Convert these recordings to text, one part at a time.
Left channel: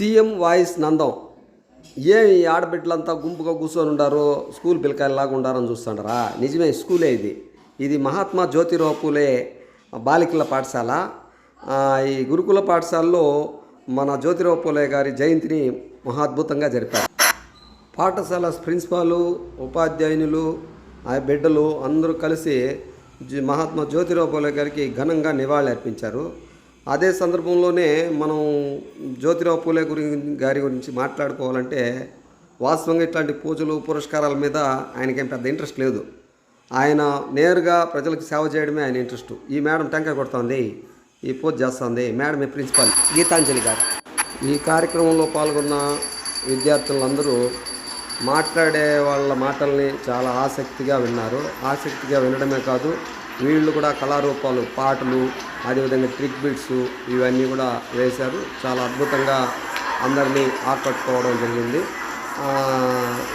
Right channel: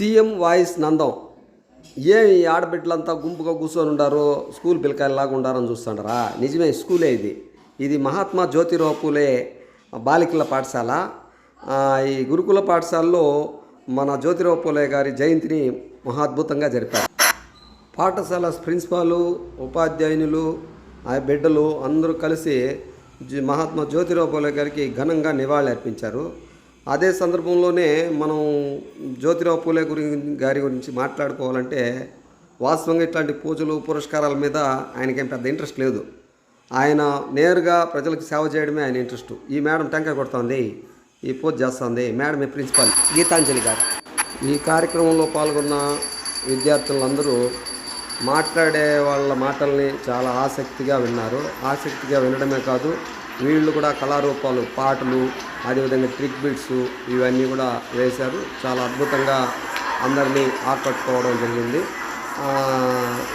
CM voice Nandam. ఏమి ఈ ఆడబిడ్డలంతా గుంపుగా కూర్చొని ఉండారు స్కూల్ పిల్లకాయలాగా ఉండారని చూస్తుండరా నిజమే స్కూలే ఇది. ఇది మహాత్మా జ్యోతిరావు పూలే బాలికల పాఠశాల. ఈ గురుకుల పాఠశాలలో మన జ్యోతిరావు పూలే గారి జయంతిని మహాద్భుతంగా జరిపారు. పాఠశాల ప్రిన్సిపాలు ఉపాధ్యాయునులు ఆ బిడ్డలు అందరూ కలిసి జి- మహాత్మా జ్యోతిరావు పూలే గారికి ఘనంగా నివాళి అర్పించారు అదే సందర్భంలోనే మనం జ్యోతిరావు పూలే గురి గారి గురించి మాట్లాడుకోవాలంటే వాస్తవంగా ఇట్లాంటి పూజలు పురస్కారాల మీద ఆయనకేం పెద్ద ఇంట్రెస్ట్ లేదు. ఆయన నేరుగా ప్రజలకు సేవ చేయడమే ఆయన ఇంట్రెస్ట్. ఈ మేడం టెంకాయ కొడుతోంది ఈ పూజ చేస్తుంది. మేడం ఈ ప్రిన్సిపాల్ గీతాంజలి గారు. ఈ కార్యక్రమంలో పాల్గొన్న విద్యార్థులందరూ మాట్లాడే వాళ్ళ మాటల్ని చాలా ఆసక్తిగా విన్నారు. ఆసక్తిగా వినడమే కాదు వీళ్ళు కూడా కళారూపాలు పాటలు అదేవిధంగా ట్రిక్ బిట్స్ ఇవన్నీ కూడా వేశారు. చాలా అద్భుతంగా అందరినీ ఆకట్టుకోవడం జరిగింది.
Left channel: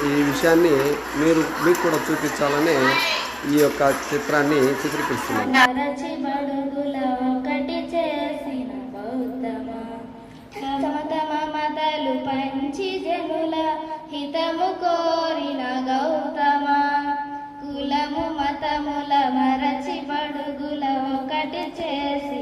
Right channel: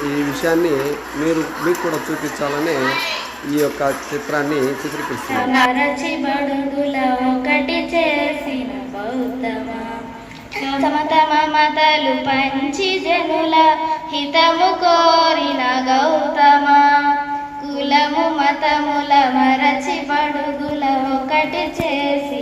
ఈ విషయాన్ని మీరు మీకు కూడా చూపించాలని ఈ యొక్క చిత్రాన్ని చిత్రీకరిస్తున్నారు చేసిన పంచి జనుల హితము కోరిన గౌతమ? కులము మతముల మరచి బడుగుల ఒకటి చేసి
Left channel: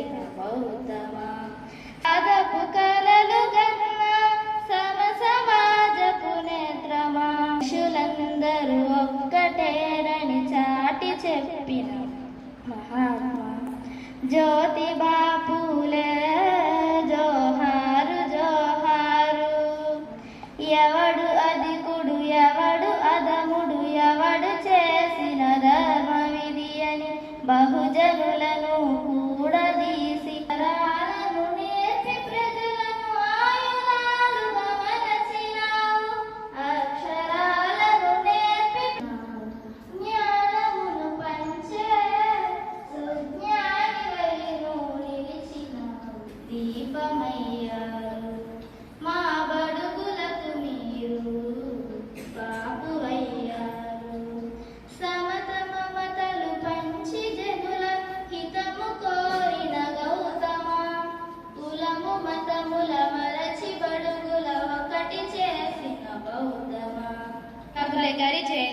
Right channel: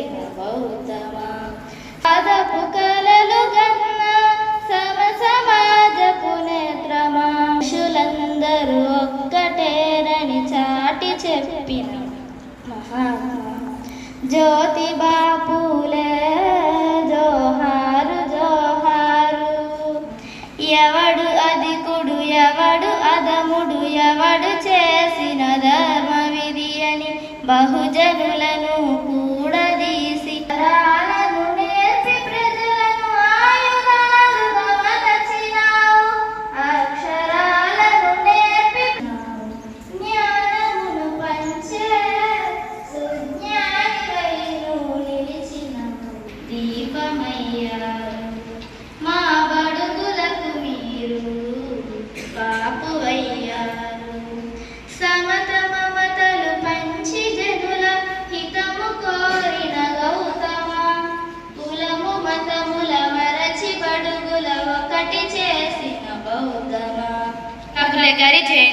బహుజనులను కూడదీసి తరాలను నేర్పి ప్రజలను ఆయుధాలుగా మలచినావు. అక్షరాలను నేర్పి జ్ఞానమును పంచే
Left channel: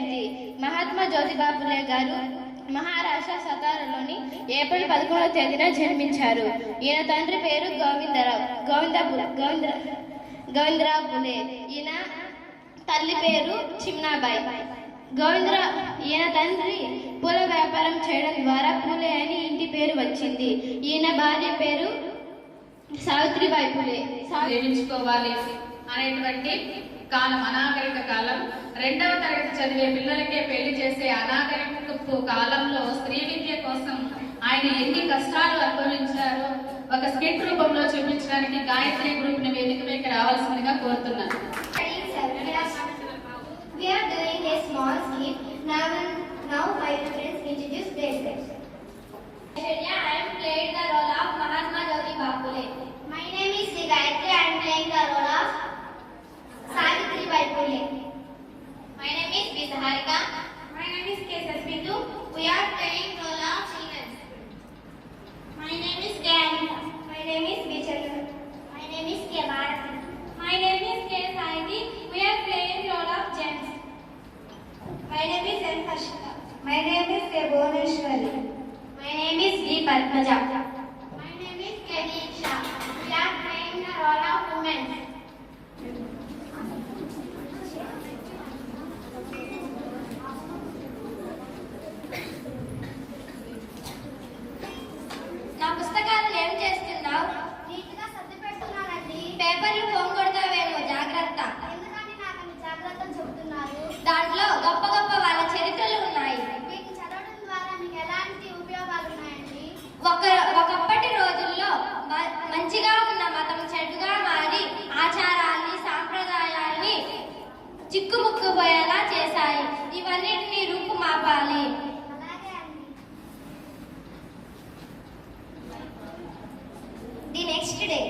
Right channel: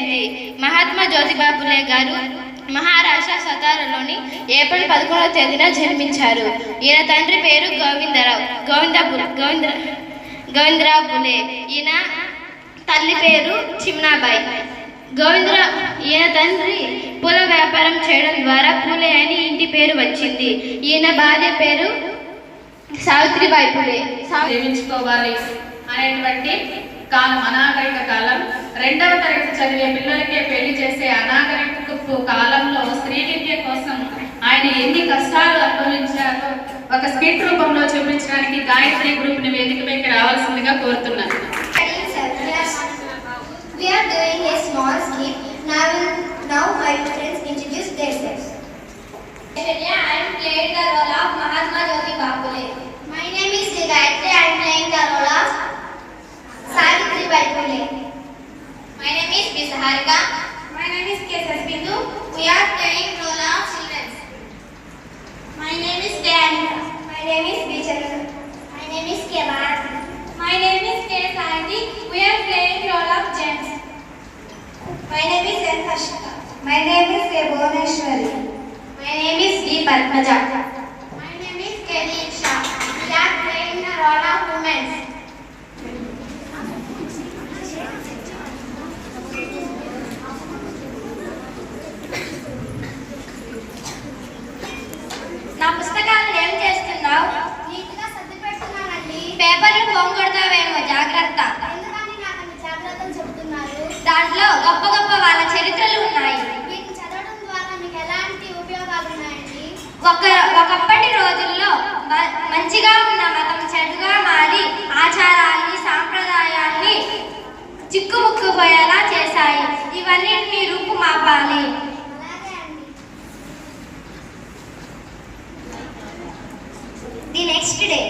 జయంతి మహాత్మా జ్యోతిబా ఫులే గారు మహారాష్ట్ర సతారలోని ఏప్రిల్ పదకొండవ తేదీన జన్మించారు. ఈయన తండ్రి పేరు గోవిందరావు గోవింద గోవింద గోవిందరావు పులే ఈయన తల్లి పేరు చిమ్నాబాయి. గోవిందరావు ఈయన తండ్రి పూల వ్యాపారం చేయడం ద్వారా పూలే అని ఇంటి పేరు వచ్చింది. ఈయన భార్య పేరు సావిత్రిబాయి పులే. సావి అనేటువంటి కాలం అనాగరిక కాలం రెండవ తరగతి చదివే పిల్లలకే పెళ్ళి చేసే అనాగరికపు కాలంలో స్త్రీ విద్య కోసం ఆయన ఎన్ని కష్టాలు అనుభవించారో ఒక స్కిట్ రూపంలో చూపించడానికి గాయత్రి గ్రూప్ని వేదికపైకి రావాల్సిందిగా కోరుతున్నాను We are doing a small skit. Now, now my friends introduce themselves. I am playing the role Savitri My name is B. My name is K. Sarbindu. We are playing role of children. My name is Diana. My name is B. My name is K. My name is K. We are playing role of gents. My name is N. My name is K. My name is D. Padmaja. పోయేలా చేశాయి. ఇవన్నింటినీ రూపు మాపాలి. The next day.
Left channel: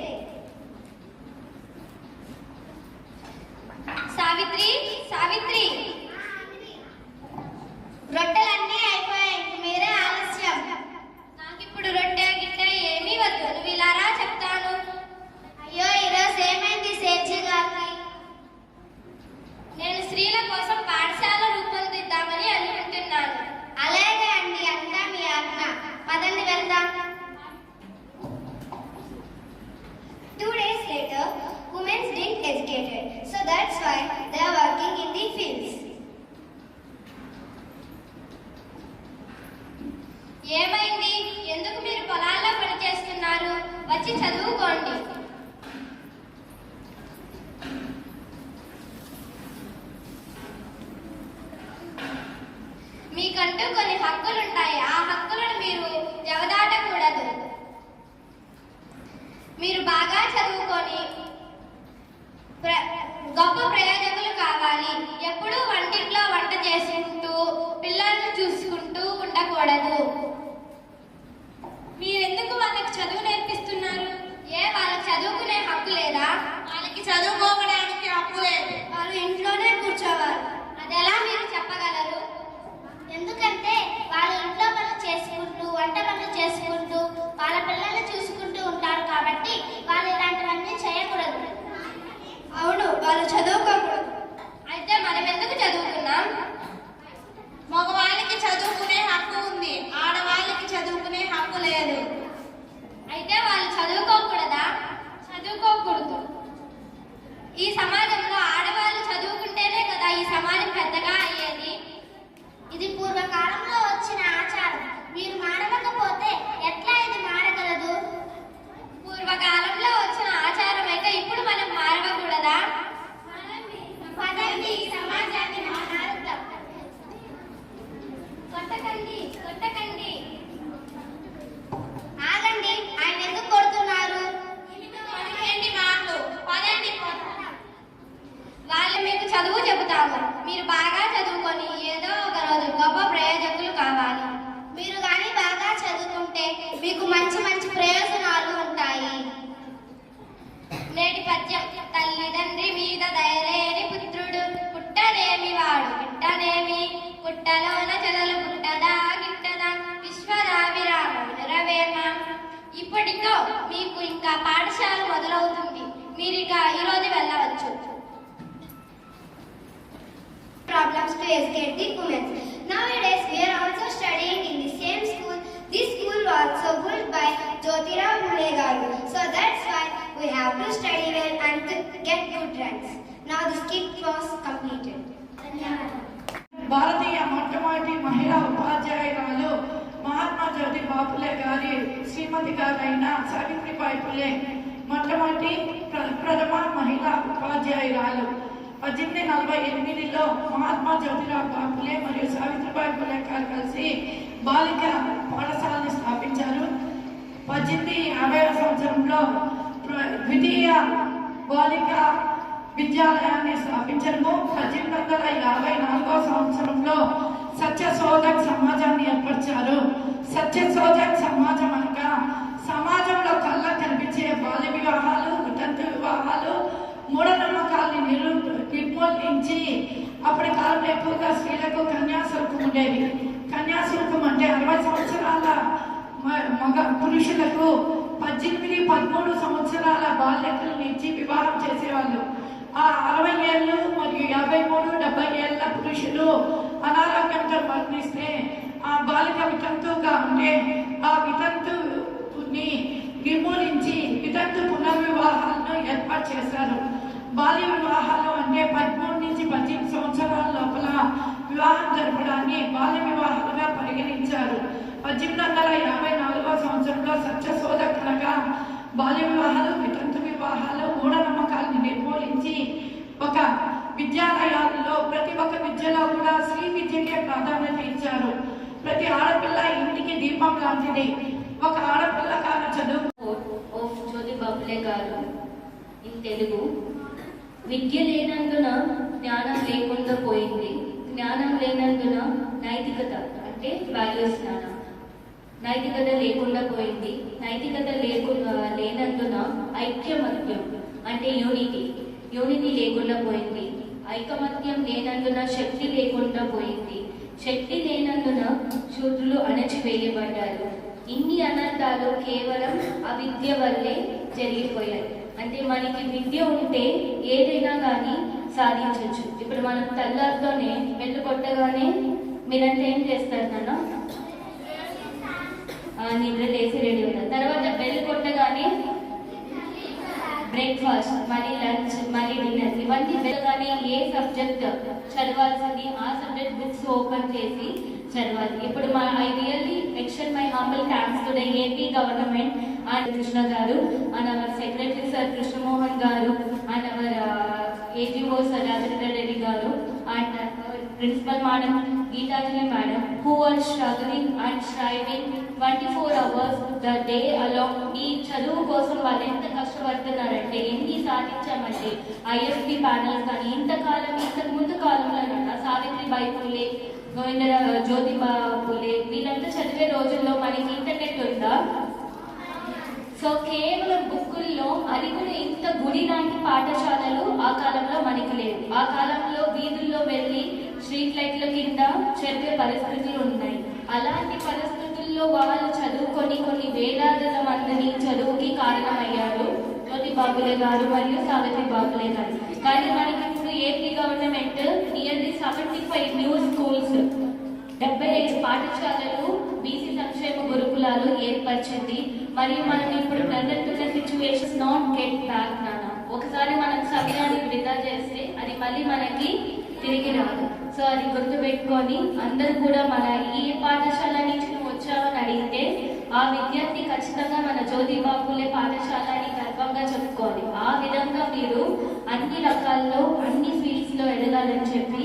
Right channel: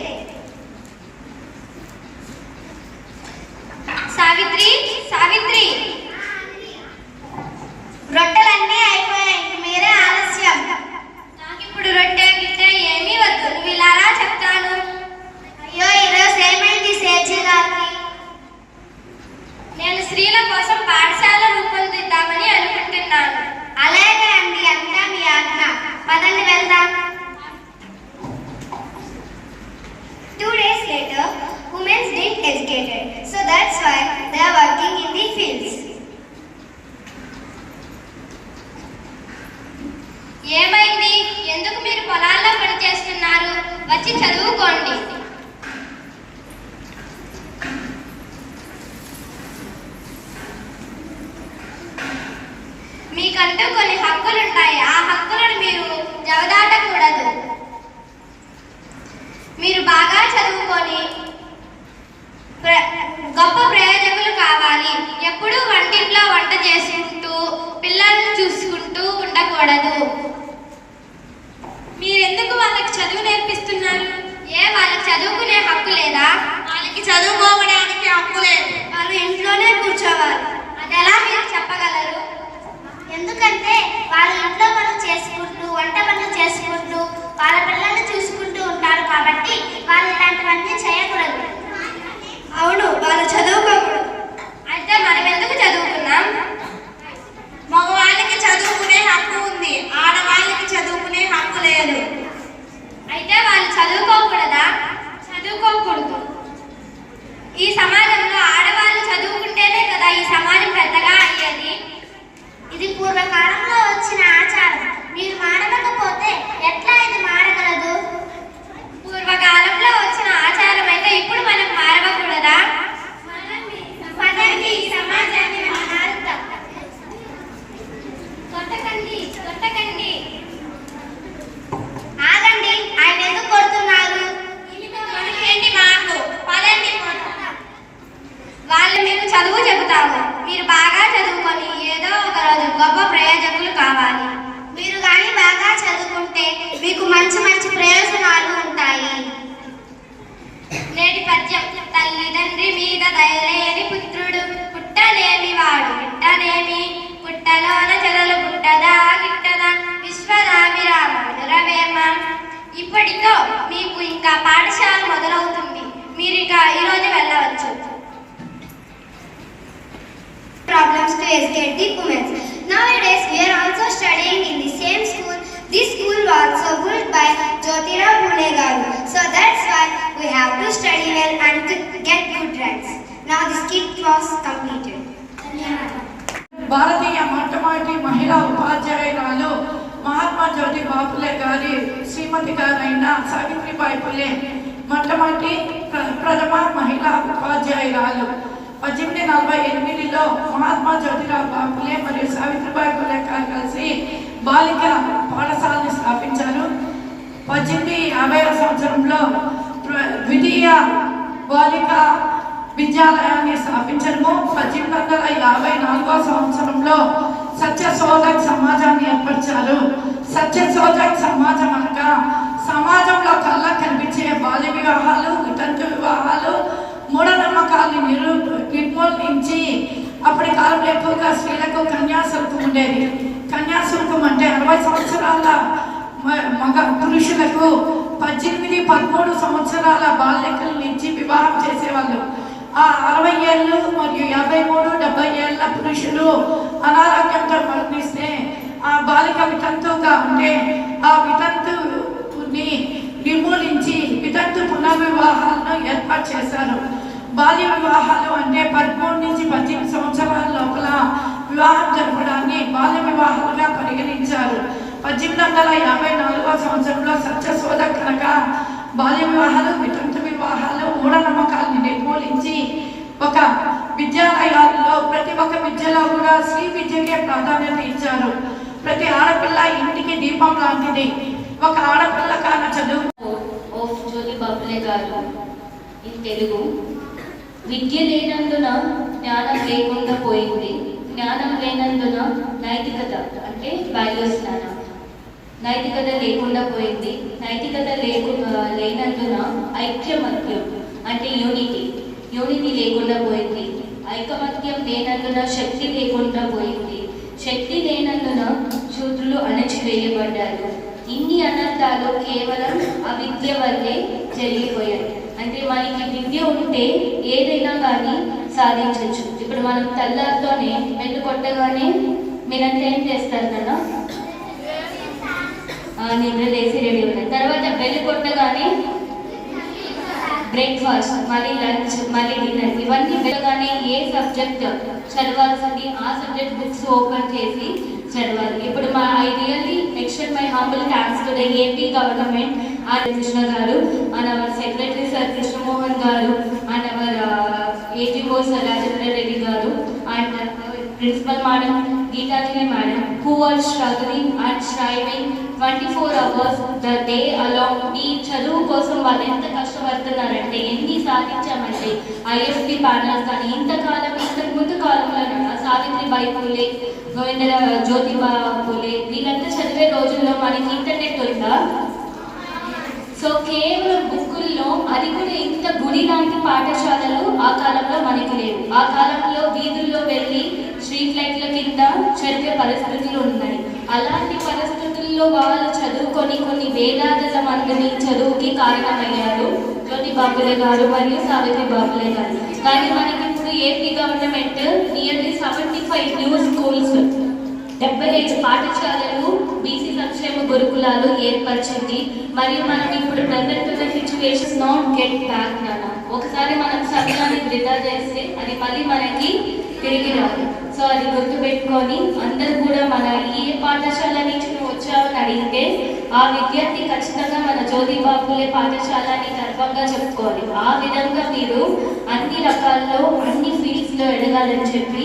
Savitri మీకంటూ కొన్ని హక్కులు ఉంటాయి ఆ హక్కులను మీరు జవదాటకూడదు. మీరు బాగా చదువుకొని గొప్ప ప్రయోజకులు కావాలి. ఎప్పుడూ వంటింట్లో వంట చేసుకుంటూ పిల్లల్ని చూసుకుంటూ ఉండకూడదు. మీరెందుకు వాళ్ళకి చదువు నేర్పిస్తున్నారు? ఏ వాళ్ళకి చదువుకునే హక్కు లేదా? వాళ్ళకి చదువుకోవడానికి హక్కు లేదు. వాళ్ళు ఇంట్లోనే కూర్చోవాలి. అది ఎలా మీరు చెప్పగలరు? ఎందుకంటే వాళ్ళ ఇంట్లో పనులు చేసుకుంటూ వంట పనులు చేసుకుంటూ వాళ్ళ పిల్లల్ని చూసుకుంటూ ఉంటారు కాబట్టి వాళ్ళు ఇలాంటివన్నీ చేయకూడదు. అవును వాళ్ళు చదువుకోకూడదు అయితే మనం ఎందుకు చదువుకున్నాం మగవాళ్ళకి చదువుకునే హక్కు ఉంది ఆడవాళ్ళకి చదువుకునే హక్కు లేదు అయితే వాళ్ళు చదువుకోకూడదా చదువుకోకూడదు ఈ సమాజంలో ఆడవాళ్ళు చదువుకుంటేనే కదా ఈ సమాజం పెద్దగా అయ్యేది ఇది పూర్వకాలంలో వచ్చిన ఆచారం మీరు మానవకపోతే ఎట్లా ఇది మారగలదు పూర్వకాలంలో వచ్చిన ఆచారం అయితే ఇప్పుడు మనం మారవకూడదా పదండి ఈ సమాజాన్ని మారుద్దాం కొట్టకండి కొట్టకండి ఆగండి ఆయన ఎందుకు కొడుతున్నారు కొట్టకండి మాకు పదండి వాళ్ళు మీకు చదువు చెబుతాము మీరు బాగా చదువుకొని ఏదో ఒక రోజు గొప్ప ప్రయోజకులు కావాలి. మీరు కానీ బాగా చదువుకుంటే మీకు మంచి మంచి ప్రయోజనాలు ఉంటాయి. నేటి పద్యం తల్లిదండ్రి మీద దయలేని పుత్రుడు పుట్టనేమి వాడు పుట్టనేమి పుట్టలోన చెదలు పుట్టదా గిట్టదా విశ్వనాభిరామ వినురవేమ ఇప్పటితో మీకు ఇంకా పాఠశాల మొదలవుతుంది. మీరు ఇక ఈరోజు వెళ్ళవచ్చు. problems to educate the women. Nowadays, we are also studying in the same school. This school was also built by Jyotira Phule Garu. So that's why we have to study well and to get good ranks. Now the skit was completed. భారతీయ మొట్టమొదటి మహిళా ఉపాధ్యాయురాలు మహాత్మా జ్యోతి బాపులే గారి శ్రీమతి గారైన సావిత్రిబాయి పులే మొట్టమొదటి ప్ర- ప్రథమ మహిళా ఉపాధ్యాయురాలు పద్దెనిమిది నలభై ఎనిమిదిలో మహాత్మా జ్యోతిరావు బాపులే మరియు సావిత్రిబాయి పులే గారు కలిసి బాలిక పాఠశాలని స్థాపించారు. పద్దెనిమిది యాభై సంవత్సరంలో ద్వితీయ బాలిక విద్యాలయాన్ని స్థాపించడము. పద్దెనిమిది వందల యాభై నాలుగో సంవత్సరంలో సత్య సోదక్ సమాజాన్ని ఏర్పరిచారు. సత్య సోదక్ సమాజం అనగా సమాజంలో కళ్ళ కనిపించే బాల్య వివాహాలు వాళ్ళని నిరు నిర్మూలించి అప్పటి కాలంలో ఎక్కువగా స్త్రీలకు కన్యాశుల్కం ఉండేది. కన్యాశుల్కం అంటే అరవై సంవత్సరాల మగ పురుషులకు పద్దెనిమిది పదమూడు సంవత్సరాల బాలికలను ఇచ్చి వివాహం చేసేవాళ్ళు. ఆ అరవై ఏళ్ళు మరియు యాభై మూడు డెబ్బై ఏళ్ళ పురుషులు అనారోగ్యంతో మరణిస్తే ఆ బాలిక వితంతువుగా ఉండే ఆ వితంతుని నిర్మూలించి వితంతు పునర్వివాహాలను ఏర్పాటు చేశారు. బాల్య వివాహాలు అంటే పదమూడు నుంచి పద్దెనిమిది సంవత్సరాల లోపల వివాహం జరపడాన్ని బాల్య వివాహాలుగా పరిగణించారు. పద్దెనిమిది వందల యాభై నాలుగో సంవత్సరంలో సత్యశోధ కనుక బాల్య వివాహాలు వితంత వివాహాలు మూఢనమ్మకాలను నిర్మూలించి ఒక విద్యాలయాల్లో ప్రతి ఒక్క విద్యలో కూడా స్త్రీ విద్యకే ప్రాధాన్యత ఇచ్చారు. ప్రతి ఆడపిల్ల ఇంటికి దీపం లాంటిది. ఒక ఆడపిల్ల కాన చదువు జ్యోతి గారు ఇన్ తెలుగు విద్య లేనందున జ్ఞానం లేకుండా పోయింది. జ్ఞానం లేనందున నైతికత అంటే వాల్యూస్ జ్ఞానం. నైతికత లేకుండా పోయింది. నైతికత లేకుండా లేనందున ఐక్యమత్యం అంటే యూనిటీ. యూనిటీ లేకుండా పోయింది. ఐకమత్యం లేనందున శక్తి లేకుండా పోయింది. శక్తి లేనందున శూద్రులు అణచివేయబడ్డారు. ఇన్ని అనర్థాలు కేవలం అవిద్య వల్లే జరిగిపోయాయి. అంటే మనకి విద్య ఉంటే ఏదైనా కానీ సాధించవచ్చు. ఇప్పుడు మనం తెల్లారితోనే వెన్ను కొట్టగానే మీరంతా ఏం చేస్తారు కదా నిద్ర లేచి రెడీ ఉంటారు తర్వాత బెల్లు కొట్టగానే బ్రేక్ఫాస్ట్ మళ్ళీ లంచ్ మళ్ళీ డిన్నర్. ఇవన్నీ వెళ్ళగానే ఏ సబ్జెక్ట్ చదవాల్సింది? ఆ సబ్జెక్ట్ బుక్స్ ఓపెన్ చేసి చదవాలి. ఇప్పుడు extend my humble thanks to the AP government and Krishna garu and our secretary sir Krishnamohan garu and our AGO sir Rajendra Reddy garu and principal madam గీతాజీని madam who are struggling and striving 24 hours the day along. ఈ చదువు కోసం వాళ్ళు ఎంత కష్టపడుతున్నారంటే ఎన్ని సాధించామంటే ISP panels కానీ ఇంతకాలం ఇంతకు ముందు కాలంలో సావిత్రిబాయి పూలే గోవింద జ్యోతిబా పూలే. వీళ్ళంతా చదివే రోజుల్లో మనకి ఇంటర్నెట్ ఉందా? సో కేవలం బుక్కుల్లో అది కూడా ఇంత గుడి లాంటి పాఠశాలలు ఆ కాలంలో మనకు లేవు. ఆ కాలంలో వీధుల్లో వెళ్ళి స్ట్రీట్ లైట్ల కింద చదివే పరిస్థితులు ఉన్నాయి. అలాంటి పరిస్థితుల్లో వాళ్ళు చదువుకొని కొన్ని వేలాదిల మందిని చదువుకి కారణమయ్యారు జ్యోతి బాపులే గారు మరియు సావిత్రి బాబులే గారు. కానీ మనకి ఇప్పుడు AP government nearly seventy five new schools డెబ్బై ఐదు పాఠశాలలు బీసీ సంక్షేమ గురుకులాలు ఏర్పరిచింది. మరియు మనం ఇప్పుడు ప్రజెంట్ ఉన్న సిచ్యువేషన్స్ నాట్ గెట్ బ్యాక్ నాన్న. ఒకసారి మనం సమయాన్ని వృధా చేస్తే అది మళ్ళీ మనకి తిరిగి రాదు. సో అది గుర్తుపెట్టుకొని అందరూ కూడా మన ఏ పాఠశాల నుంచి నువ్వు వచ్చావని అడిగితే ఆ విద్యార్థి ఖచ్చితంగా మన జ్యోతిబాబులే పాఠశాల అని గర్వంగా చెప్పుకోవాలి. ఆ విధంగా మీరు అన్ని రకాల్లో అన్ని ఫీల్డ్స్లో ఎదగాలని చెప్పి